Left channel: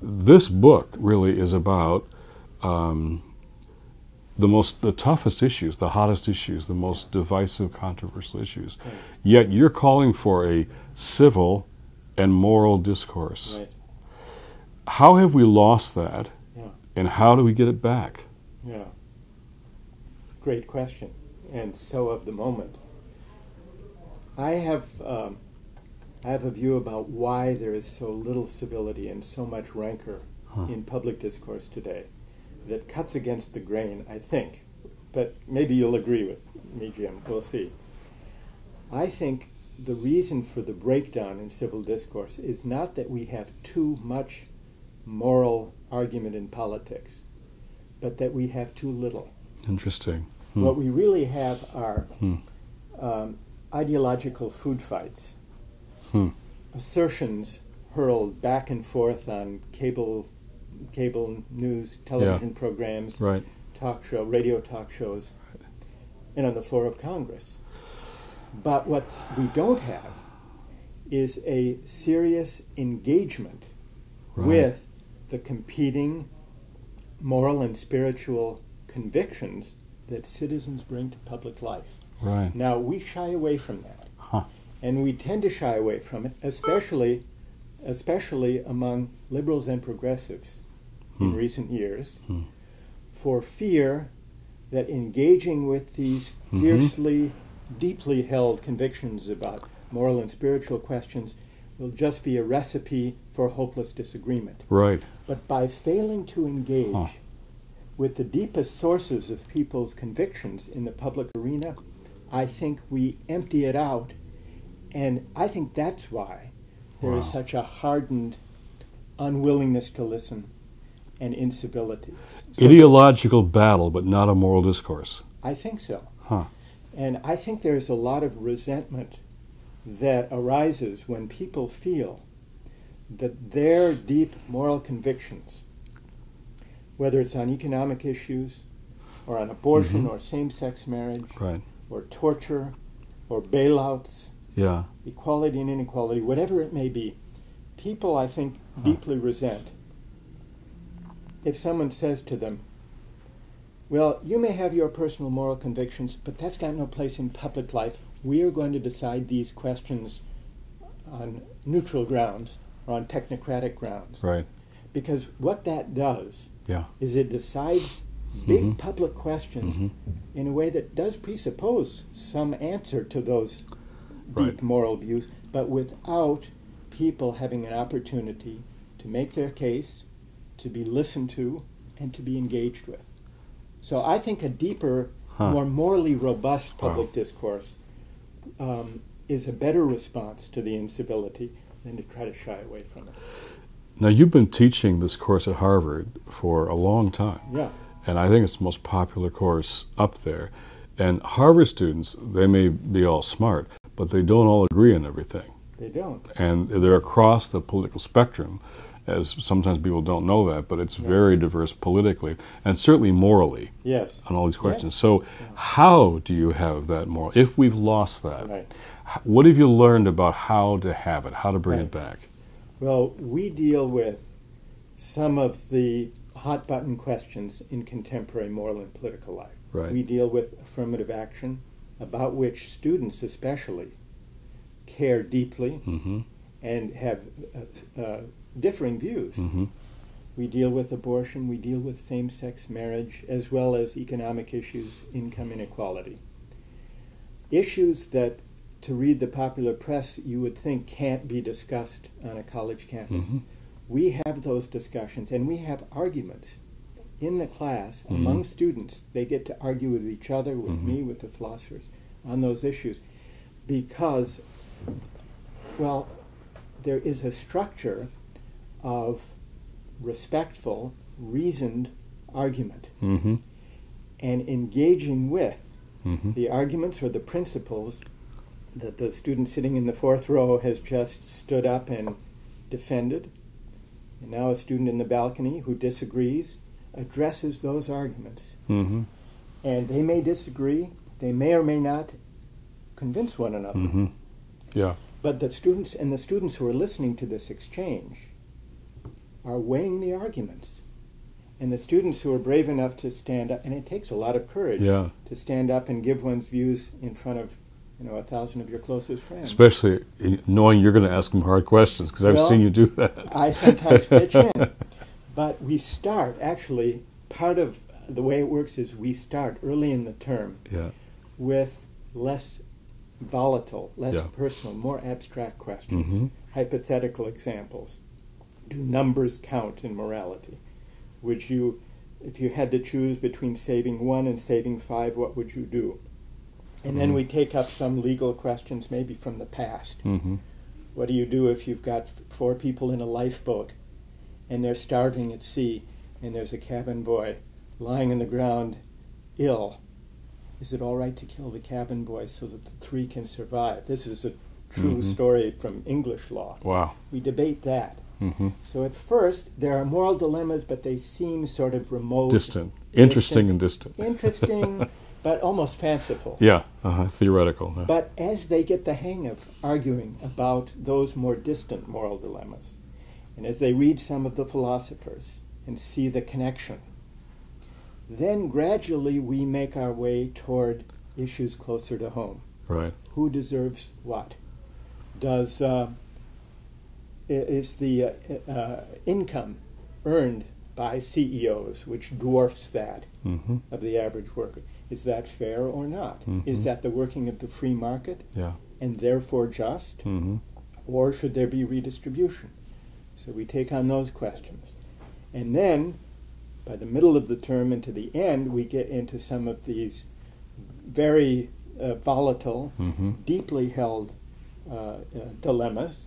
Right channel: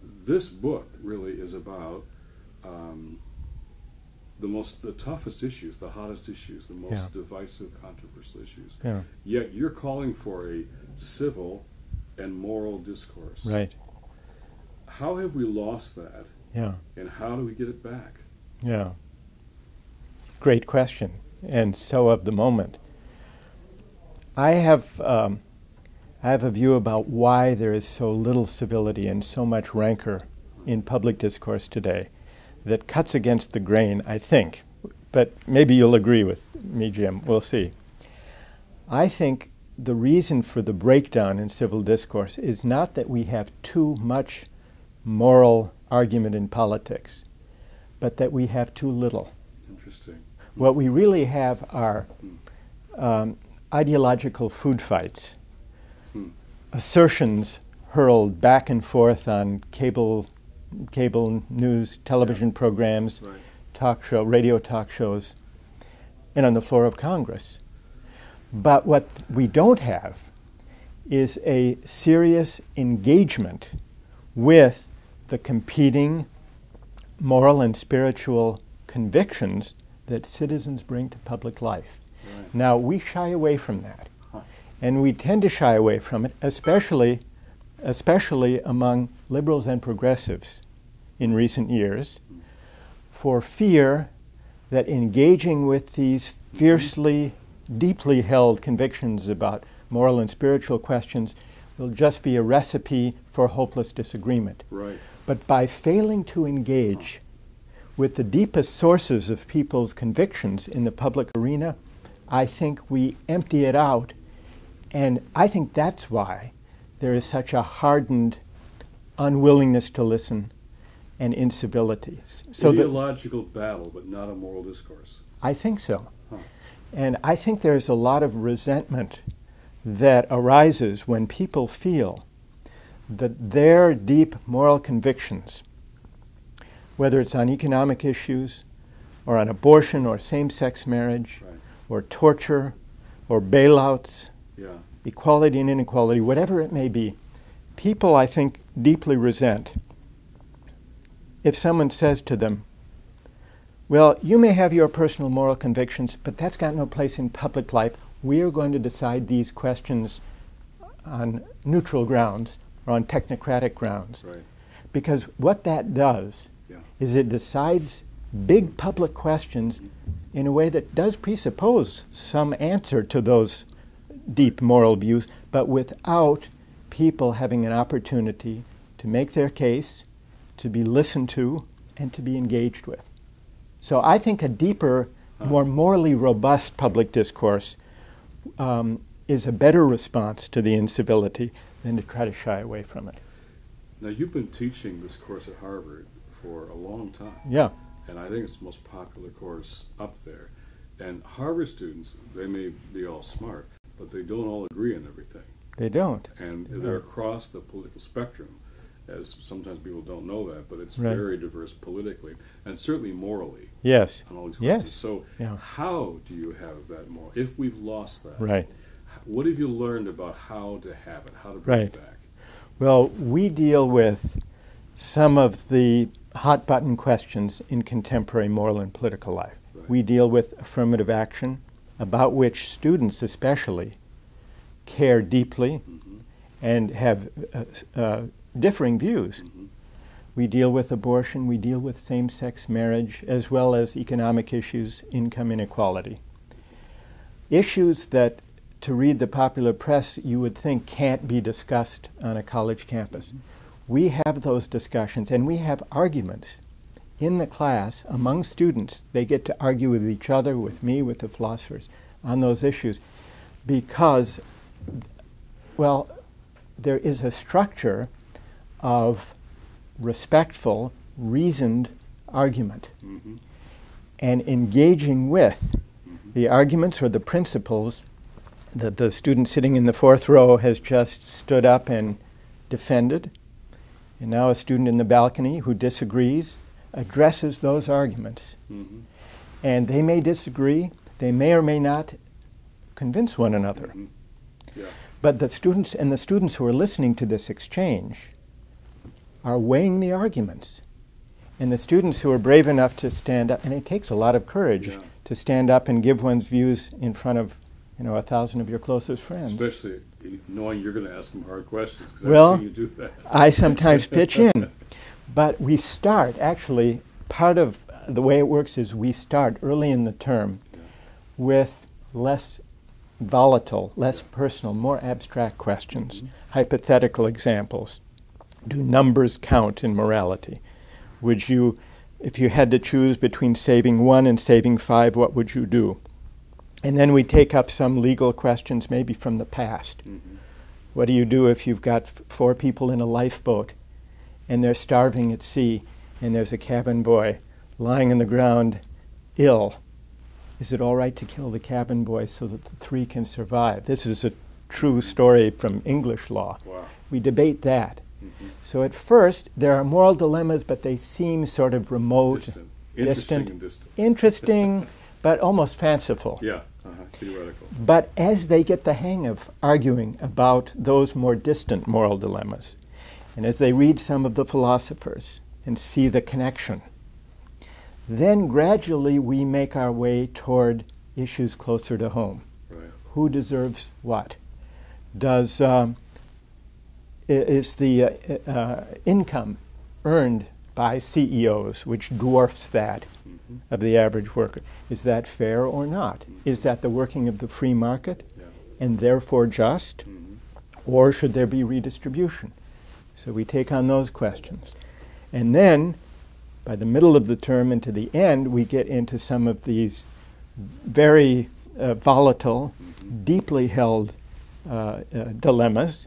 This book really is about the toughest issues, the hottest issues, the most divisive, controversial issues. Yeah. Yet you're calling for a civil and moral discourse. Right. How have we lost that, Yeah. and how do we get it back? Yeah. Great question, and so of the moment. I have a view about why there is so little civility and so much rancor in public discourse today that cuts against the grain, I think. But maybe you'll agree with me, Jim. We'll see. I think the reason for the breakdown in civil discourse is not that we have too much moral argument in politics, but that we have too little. Interesting. What we really have are ideological food fights, assertions hurled back and forth on cable news, television programs, Right. radio talk shows, and on the floor of Congress. But what we don't have is a serious engagement with the competing moral and spiritual convictions that citizens bring to public life. Right. Now, we shy away from that. And we tend to shy away from it, especially among liberals and progressives in recent years, for fear that engaging with these fiercely, deeply held convictions about moral and spiritual questions will just be a recipe for hopeless disagreement. Right. But by failing to engage with the deepest sources of people's convictions in the public arena, I think we empty it out. And I think that's why there is such a hardened unwillingness to listen and incivilities. So Ideological battle, but not a moral discourse. I think so. And I think there's a lot of resentment that arises when people feel that their deep moral convictions, whether it's on economic issues or on abortion or same-sex marriage or torture or bailouts, equality and inequality, whatever it may be, people, I think, deeply resent if someone says to them, well, you may have your personal moral convictions, but that's got no place in public life. We are going to decide these questions on neutral grounds or on technocratic grounds. Right. Because what that does is it decides big public questions in a way that does presuppose some answer to those deep moral views, but without people having an opportunity to make their case, to be listened to, and to be engaged with. So I think a deeper, more morally robust public discourse is a better response to the incivility than to try to shy away from it. Now, you've been teaching this course at Harvard for a long time. Yeah. And I think it's the most popular course up there. And Harvard students, they may be all smart, but they don't all agree on everything. They don't. And they're across the political spectrum, as sometimes people don't know that, but it's very diverse politically and certainly morally on all these questions. So how do you have that moral, if we've lost that? What have you learned about how to have it, how to bring it back? Well, we deal with some of the hot button questions in contemporary moral and political life. We deal with affirmative action, about which students especially care deeply and have differing views. We deal with abortion, we deal with same-sex marriage, as well as economic issues, income inequality. Issues that, to read the popular press, you would think can't be discussed on a college campus. We have those discussions, and we have arguments in the class among students. They get to argue with each other, with me, with the philosophers, on those issues, because, well, there is a structure of respectful, reasoned argument. And engaging with the arguments or the principles that the student sitting in the fourth row has just stood up and defended, and now a student in the balcony who disagrees addresses those arguments. And they may disagree, they may or may not convince one another. But the students who are listening to this exchange are weighing the arguments. And the students who are brave enough to stand up, and it takes a lot of courage to stand up and give one's views in front of 1,000 of your closest friends. Especially knowing you're going to ask them hard questions, because I've seen you do that. I sometimes pitch in. But we start, actually, part of the way it works is we start early in the term with less volatile, less personal, more abstract questions, hypothetical examples. Do numbers count in morality? Would you, if you had to choose between saving 1 and saving 5, what would you do? And then we take up some legal questions, maybe from the past. What do you do if you've got 4 people in a lifeboat and they're starving at sea and there's a cabin boy lying on the ground ill? Is it all right to kill the cabin boy so that the 3 can survive? This is a true story from English law. Wow. We debate that. So at first, there are moral dilemmas, but they seem sort of remote. Distant. Interesting and distant. Interesting, but almost fanciful. Yeah, theoretical. But as they get the hang of arguing about those more distant moral dilemmas, and as they read some of the philosophers and see the connection, then gradually we make our way toward issues closer to home. Right. Who deserves what? Is the income earned by CEOs, which dwarfs that of the average worker, is that fair or not? Is that the working of the free market and therefore just? Or should there be redistribution? So we take on those questions. And then, by the middle of the term and to the end, we get into some of these very volatile, deeply held dilemmas.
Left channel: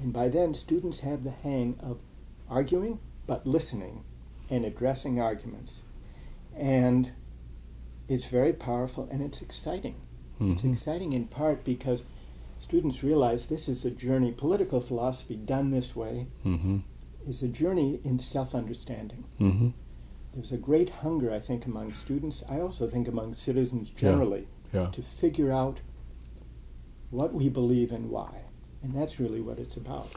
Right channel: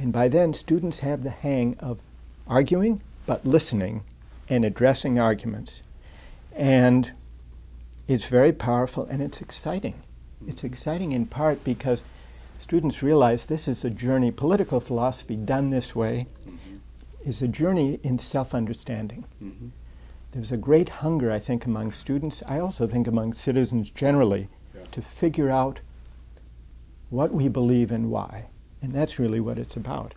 And by then, students have the hang of arguing, but listening and addressing arguments. And it's very powerful and it's exciting. It's exciting in part because students realize this is a journey, political philosophy done this way is a journey in self-understanding. There's a great hunger, I think, among students, I also think among citizens generally, to figure out what we believe and why. And that's really what it's about.